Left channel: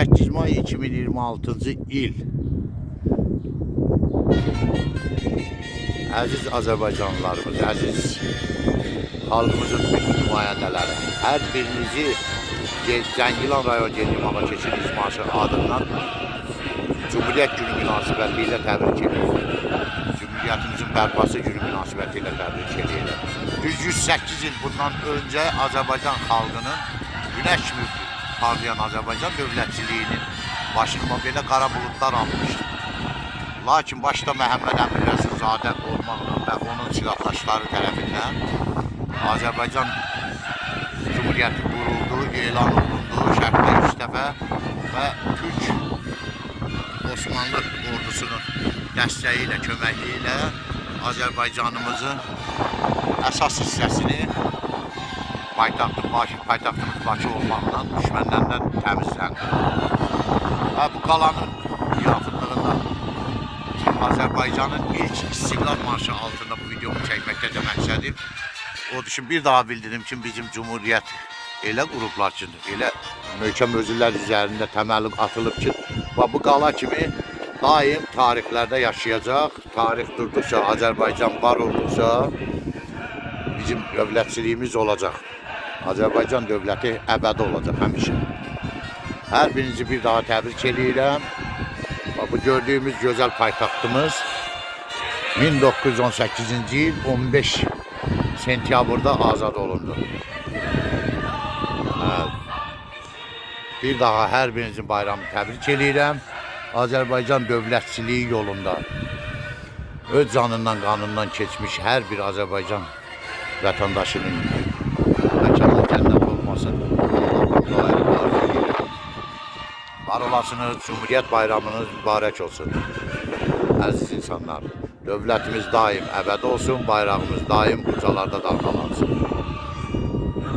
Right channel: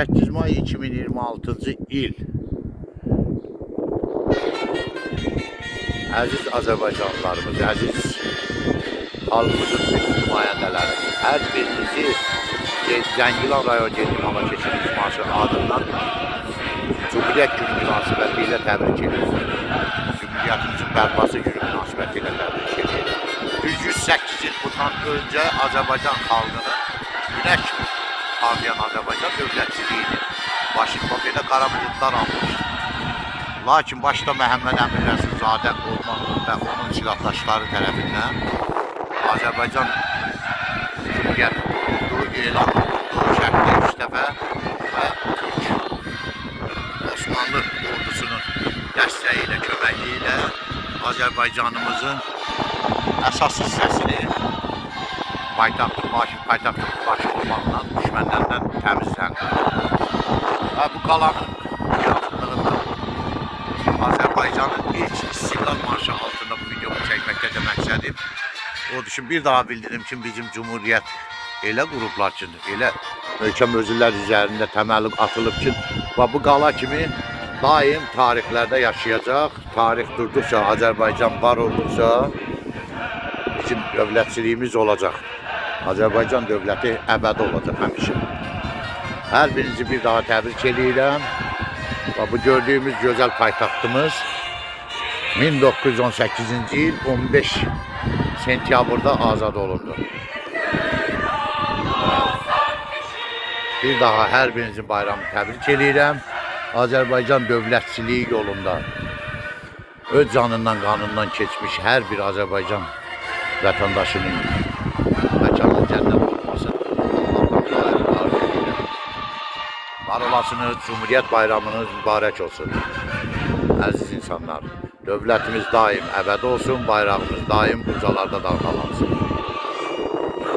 28 may 2026-cı il. Əziz Azərbaycanlılarımız, əziz xalqımızın bütün nümayəndələri, hər birinizi Zəngilan rayon Gen İmama Keçid İcması adından Cumhuriyyət günü münasibəti ilə təbrik edirəm. Cumhuriyyətimizin bərpası günü münasibəti ilə təbrik edirəm. Düz 108 il bundan öncə Azərbaycan xalqının günəş kimi parlayan Azərbaycan dövlətçiliyinin başına belə qara buludlar almışdı. Lakin başda Məhəmməd Əmin Rəsulzadə olmaqla və onun silahdaşları tərəfindən Azərbaycan Cumhuriyyəti quruldu, elan olundu, Şərqdə 3 dəfə və Türk Osmanlı ordusunun dəstəyi ilə, köməkliyi ilə Azərbaycanımızın əsas hissəsini paytaxtımız Bakı olmaqla düşmənlərdən təmizləndi. Və bu qalanın yaxınlığında Azərbaycanın ilk İstiqlal marşı altında bu videomu çəkməkdə də məqsədim odur ki, bir daha bildirim ki, bizim Cumhuriyyət elə qurublar ki, elə möhkəm özürlər üzərində təməli atılıb ki, və bu qala kimi daim tarixlərdə yaşayacaq. Tarix durduqca, Azərbaycan var olduqca bizim dövlətçiliyimiz olacaq. Azərbaycan dövləti əbədi olacaq həmişə. Hər birinizi bir daha təbrik edirəm. Bu gördüyümüz gözəl paytaxtımız 1918-ci il 15 sentyabrda azad olundu. Bir daha hər birinizin bayramını təbrik edirəm. Azərbaycan dövlətçiliyi yolunda öz canından, qanından keçmiş hər bir Azərbaycan vətəndaşının məkanı cənnət olmasın. Var olasınız, Cumhuriyyət bayramınız mübarək olsun. Əziz insanlar, dövlətimiz daim əbədi olsun, bayrağımız daim ucalarda dalğalansın.